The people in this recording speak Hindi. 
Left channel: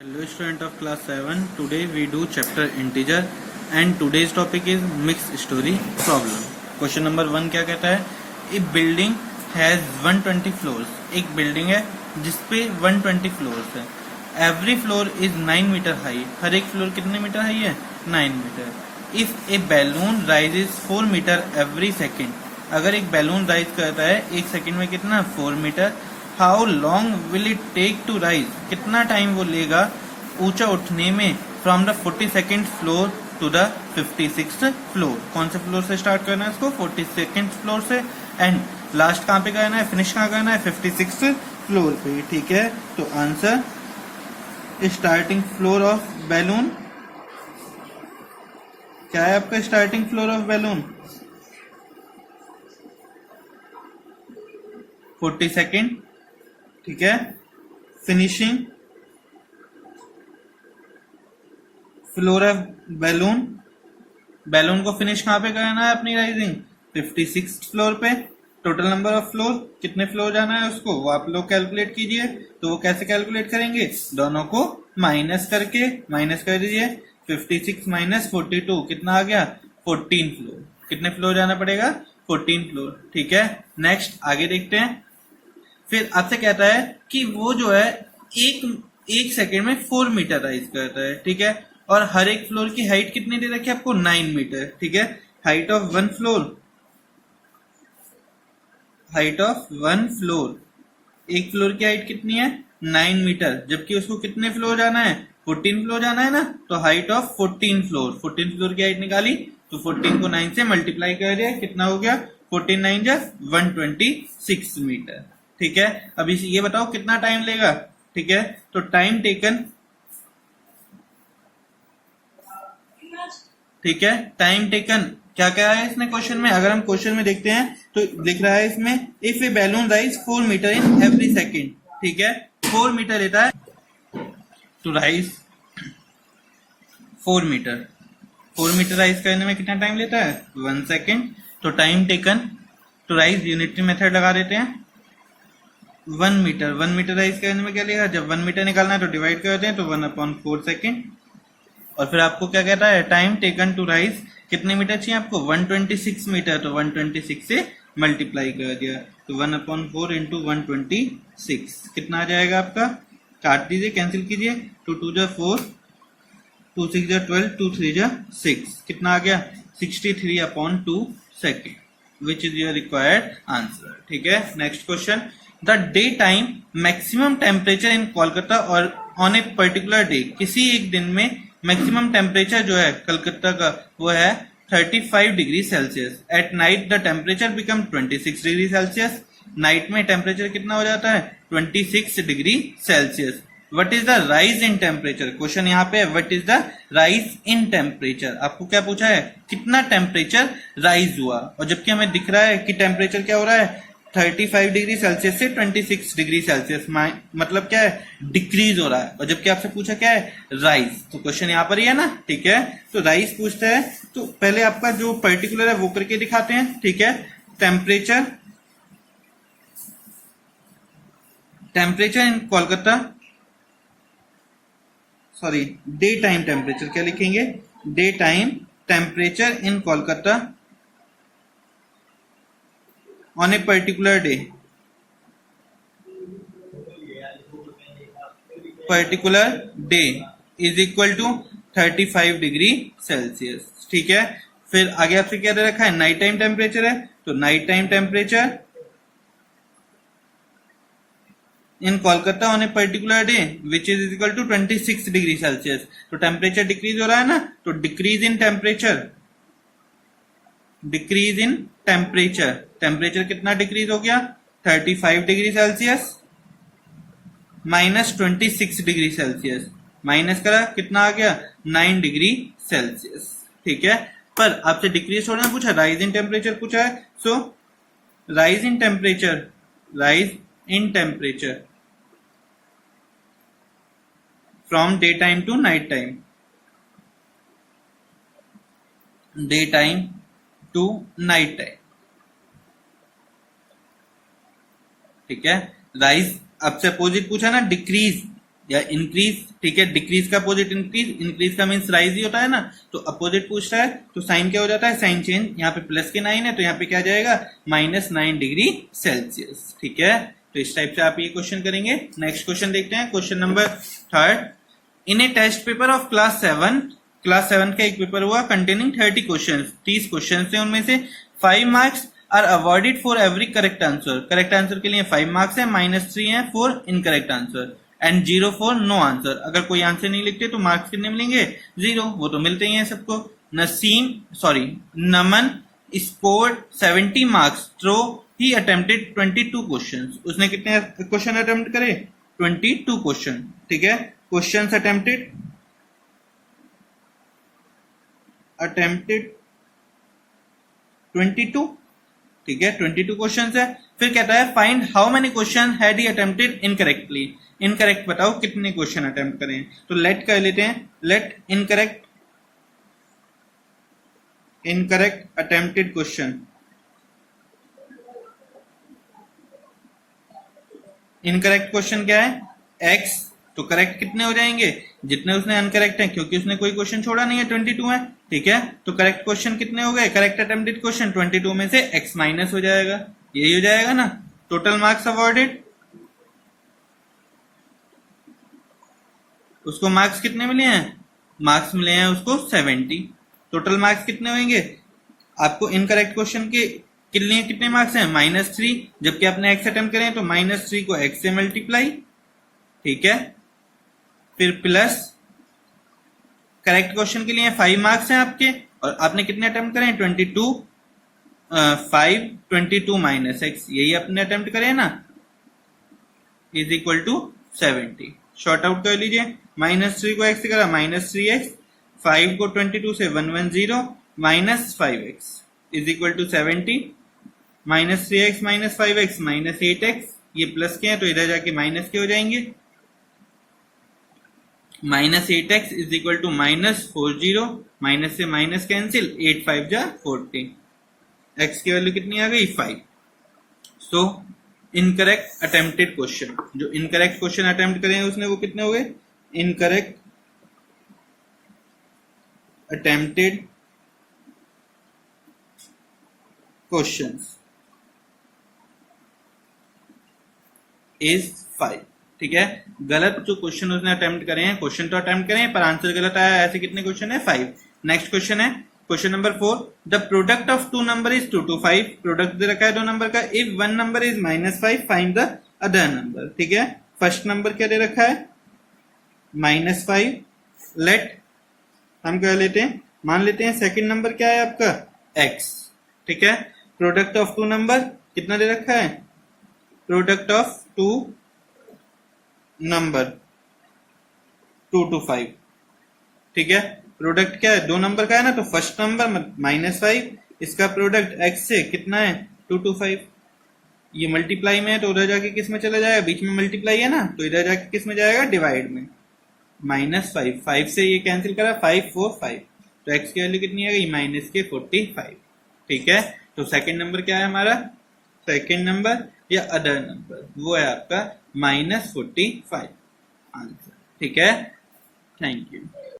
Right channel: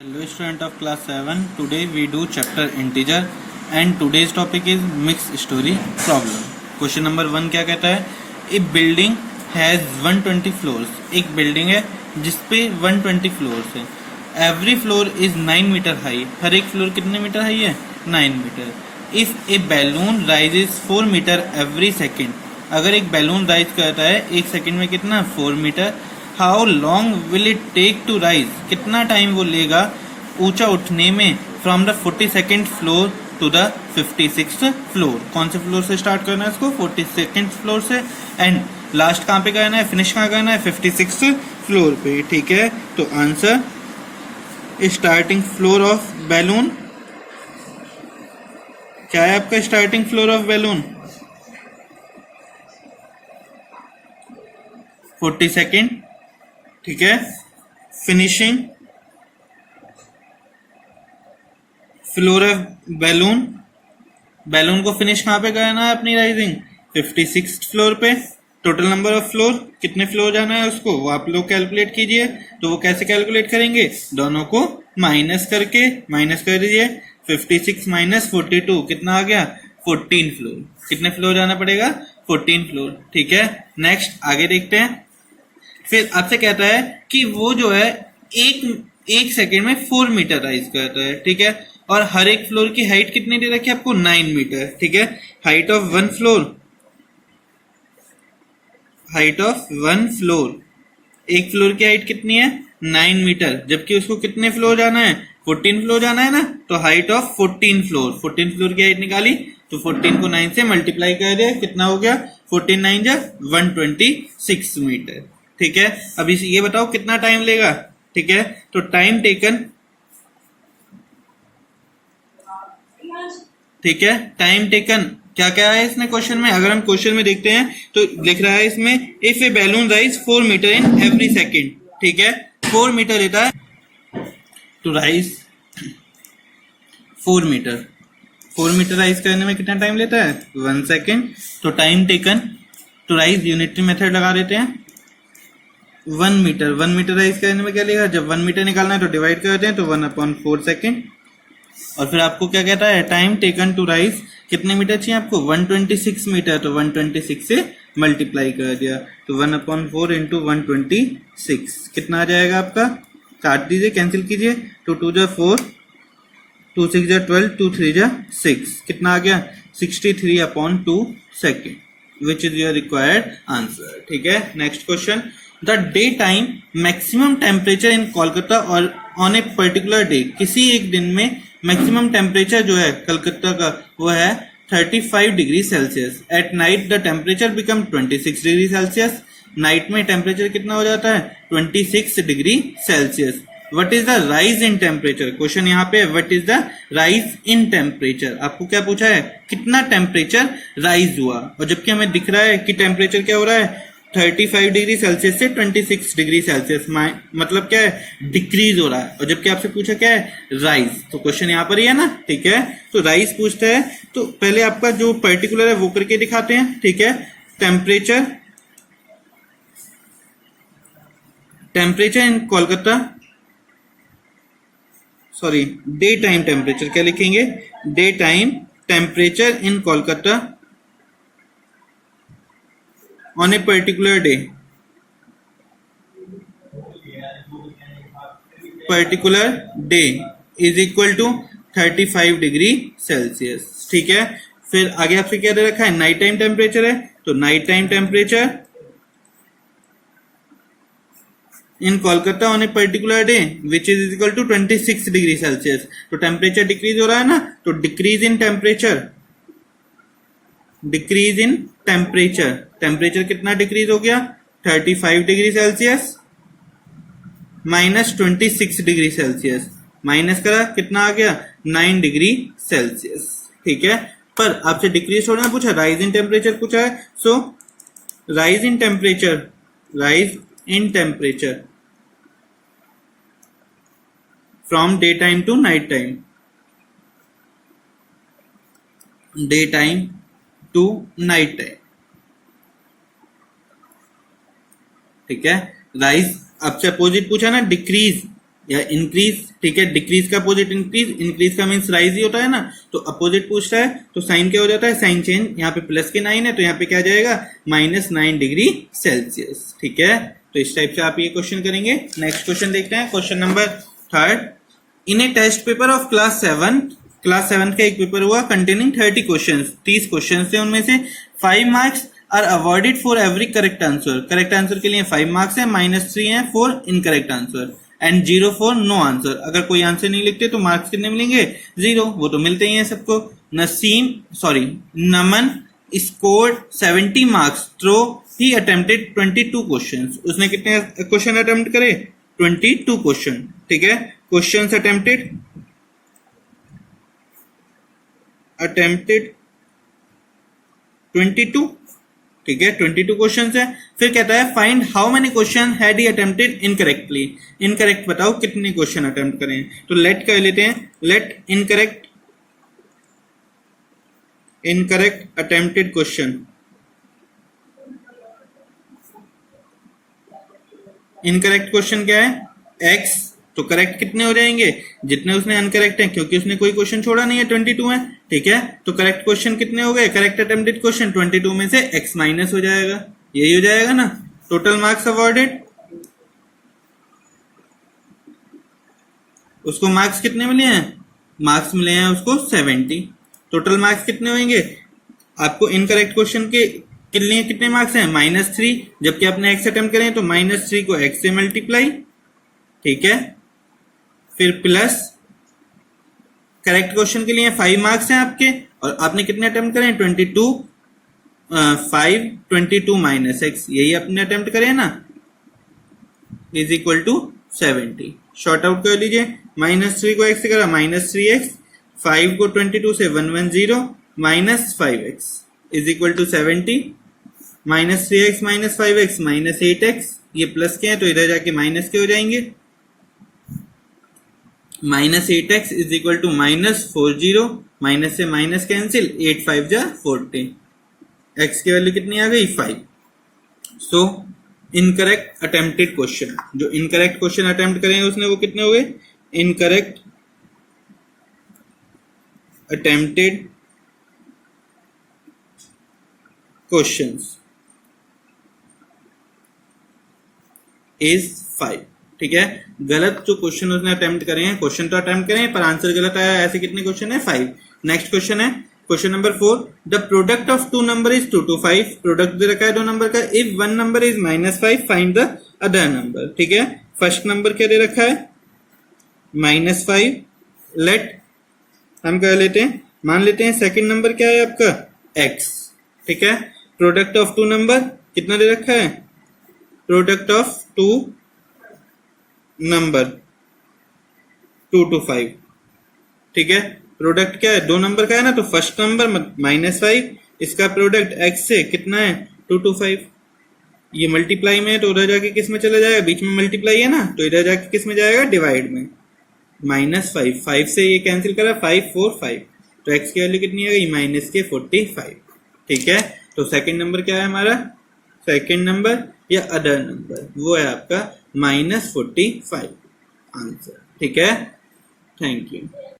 Hello student of class 7. Today we do chapter integer and today's topic is mixed story problem. Question number 1 क्या कहता है? A building has 120 floors. एक बिल्डिंग है जिसपे 120 floors है. Every floor is 9 meter high. हर एक फ्लोर कितने मीटर हाई है? 9 metre. If a balloon rises 4 meter every second, अगर एक बैलून राइज करता है एक सेकंड में कितना? 4 metre. How long will it take to rise? कितना टाइम वो लेगा ऊंचा उठने में from the 42nd floor to the 56th floor. कौन से फ्लोर से स्टार्ट करना है इसको? 42nd फ्लोर से. एंड लास्ट कहाँ पे करना है? फिनिश कहाँ करना है? 56th फ्लोर पे. ठीक है, तो answer starting floor of balloon क्या है आपका? Starting floor of balloon 42nd. ठीक है, finishing floor of balloon. Balloon को फिनिश कहाँ पे करना है अपनी राइजिंग? 56th फ्लोर पे. टोटल नंबर ऑफ फ्लोर, कितने फ्लोर जाना है उसको वो आप लोग कैलकुलेट कीजिए. तो वो कैसे कैलकुलेट करेंगे? दोनों को माइनस कर दीजिए. 56 माइनस 42 कितना आ गया? 14 फ्लोर. कितने फ्लोर जाना पड़ेगा? 14 फ्लोर. ठीक है, नेक्स्ट आगे देखते हैं. फिर आपसे कहता है कि वो जो है एक सेकेंड में 4 मीटर राइज करता है. ठीक है, और हर एक फ्लोर की हाइट कितनी दे रखी है आपको? 9 मीटर. ठीक है, हाइट ऑफ वन फ्लोर, एक फ्लोर की हाइट कितनी है? 9 मीटर. जबकि उसको कितने फ्लोर जाना है? 14 फ्लोर जाना है ना. तो हाइट ऑफ 14 फ्लोर की हाइट निकाली तो 14 को 9 से मल्टीप्लाई कर दे. कितना हो गया? 14 9 जा 126 मीटर. ठीक है, अब ये बताओ कितना टाइम लेगा. ठीक है, तो टाइम टेकन, ठीक है, टाइम टेकन क्या क्या है इसने क्वेश्चन में? अगर हम क्वेश्चन में देखते हैं तो लिख रहा है इसमें if a balloon rise 4 metre in every second. ठीक है, 4 मीटर लेता है to rise 4 metre. 4 metre rise करने में कितना टाइम लेता है? 1 सेकेंड. तो time taken to rise unitary method लगा देते हैं. 1 मीटर राइज करने में क्या लेगा? जब 1 मीटर निकालना है तो डिवाइड करते हैं तो 1/4 सेकेंड. और फिर आपको क्या कहता है? टाइम टेकन टू राइज कितने मीटर चाहिए आपको? 126 मीटर. तो 126 से मल्टीप्लाई कर दिया तो 1/4 इंटू 126 कितना आ जाएगा आपका? काट दीजिए, कैंसिल कीजिए. 2 2 जा 4, 2 6 जा 12, 2 3 जा 6. कितना आ गया? 63/2 second, which is your required answer. ठीक है, next question. The day time maximum temperature in Kolkata और ऑन ए पर्टिकुलर डे, किसी एक दिन में मैक्सिमम टेम्परेचर जो है कलकत्ता का वो है 35 degree Celsius. At night the temperature become 26 degree Celsius. Night में टेम्परेचर कितना हो जाता है? 26 degree Celsius. What is the rise in temperature? Question यहाँ पे what is the rise in temperature. आपको क्या पूछा है? कितना टेम्परेचर राइज हुआ. और जबकि हमें दिख रहा है कि टेम्परेचर क्या हो रहा है? 35 डिग्री सेल्सियस से 26 डिग्री सेल्सियस, मतलब क्या है? डिक्रीज हो रहा है. और जबकि आपसे पूछा क्या है? राइज. तो क्वेश्चन यहाँ पर ही है ना. ठीक है, तो राइज पूछता है तो पहले आपका जो पर्टिकुलर है वो करके दिखाते हैं. ठीक है, temperature in Kolkata, sorry day time temperature. क्या लिखेंगे? Day time temperature in Kolkata on a particular day is equal to 35 degree Celsius. ठीक है, फिर आगे आपसे क्या दे रखा है? नाइट टाइम टेम्परेचर है. तो night time temperature in Kolkata on a particular day which is equal to 26 degree Celsius. तो टेम्परेचर डिक्रीज हो रहा है ना, तो डिक्रीज इन टेम्परेचर, टेम्परेचर कितना डिक्रीज हो गया? 35 degree Celsius minus 26 degree Celsius. Minus करा कितना आ गया? 9 डिग्री सेल्सियस. ठीक है, पर आपसे डिक्रीज थोड़ा ना पूछा, राइज इन टेम्परेचर पूछा है. So rise in temperature from day time to night time, day time to night time. ठीक है, राइज आपसे अपोजिट पूछा ना, डिक्रीज. या इंक्रीज, ठीक है। डिक्रीज का अपोजिट इंक्रीज, इंक्रीज का मीन्स राइज ही होता है ना, तो अपोजिट पूछ रहा है तो साइन क्या हो जाता है, साइन चेंज। यहाँ पे प्लस के 9 है तो यहाँ पे क्या जाएगा, -9 डिग्री सेल्सियस, ठीक है। तो इस टाइप से आप ये क्वेश्चन करेंगे। नेक्स्ट क्वेश्चन देखते हैं, question number 3। In a test paper of class 7 का एक पेपर हुआ कंटेनिंग 30 क्वेश्चन, 30 क्वेश्चन थे, उनमें से 5 marks are awarded for every correct answer. Correct answer के लिए 5 मार्क्स है, -3 है for incorrect answer and 0 for no answer. अगर कोई आंसर नहीं लिखते तो मार्क्स कितने मिलेंगे, 0। वो तो मिलते ही हैं सबको। नमन स्कोर्ड 70 मार्क्स थ्रो ही अटेम्प्टेड 22 क्वेश्चंस। उसने कितने क्वेश्चन अटेम्प्ट करे, 22 क्वेश्चन, ठीक है। क्वेश्चंस अटेम्प्टेड 22, ठीक है, 22 क्वेश्चंस है। फिर कहता है find how many question had he attempted incorrectly. Incorrect बताओ कितने क्वेश्चन अटेम्प्ट करें। तो लेट कर लेते हैं, let incorrect attempted question. Incorrect question क्या है, x। तो करेक्ट कितने हो जाएंगे, जितने उसने अनकरेक्ट है, क्योंकि उसने कोई क्वेश्चन छोड़ा नहीं है, 22 है, ठीक है। तो करेक्ट क्वेश्चन कितने हो गए, करेक्ट अटेम्प्टेड क्वेश्चन 22 में से x माइनस हो जाएगा, यही हो जाएगा ना। टोटल मार्क्स अवॉर्डेड, उसको मार्क्स कितने मिले हैं, मार्क्स मिले हैं उसको 70। टोटल मार्क्स कितने होंगे, आपको इनकरेक्ट क्वेश्चन के लिए कितने मार्क्स हैं, -3, जबकि आपने x अटेम्प्ट करें तो -3 को x से मल्टीप्लाई, ठीक है। फिर प्लस करेक्ट क्वेश्चन के लिए 5 मार्क्स हैं आपके, और आपने कितने अटेम्प्ट करें, 22, 5, 22 माइनस x, यही आपने अटेम्प्ट करें ना, is equal to 70। Sort out कर लीजिए, -3 को x से करा -3x, 5 को 22 से 110 -5x is equal to 70। -3x -5x -8x, ये प्लस के हैं तो इधर जाके माइनस के हो जाएंगे। -8x is equal to -40, minus से माइनस कैंसिल, 8 5 जा 40, x की वैल्यू कितनी आ गई, 5। सो इनकरेक्ट अटेम्प्टेड क्वेश्चन, जो इनकरेक्ट क्वेश्चन अटेम्प्ट करें उसने वो कितने हो गए, इनकरेक्ट अटेम्प्टेड क्वेश्चंस इज 5, ठीक है। गलत जो क्वेश्चन उसने अटेम्प्ट करे हैं, क्वेश्चन तो अटेम्प्ट करें पर आंसर गलत आया, ऐसे कितने क्वेश्चन है, 5। नेक्स्ट क्वेश्चन है, question number 4। The product of 2 number is 2 to 5। Product दे रखा है 2 नंबर का। If 1 number is -5 find the other number, ठीक है। फर्स्ट नंबर क्या दे रखा है, -5। लेट हम कह लेते हैं, मान लेते हैं सेकंड नंबर क्या है आपका, x, ठीक है। प्रोडक्ट ऑफ 2 नंबर कितना दे रखा है, प्रोडक्ट ऑफ 2 नंबर 2 to 5, ठीक है। प्रोडक्ट क्या है, 2 नंबर का है ना, तो फर्स्ट नंबर -5, इसका प्रोडक्ट x से कितना है, 2 to 5। ये मल्टीप्लाई में है तो उधर जाके किस में चला जाएगा, बीच में मल्टीप्लाई है ना, तो इधर जाके किस में जाएगा, डिवाइड में। -5, 5 से ये कैंसिल करा, 5 4 5, तो x की वैल्यू कितनी आ गई, -45, ठीक है। तो सेकंड नंबर क्या है हमारा, सेकंड नंबर या अदर नंबर, वो है आपका -45 आंसर, ठीक है। Thank you.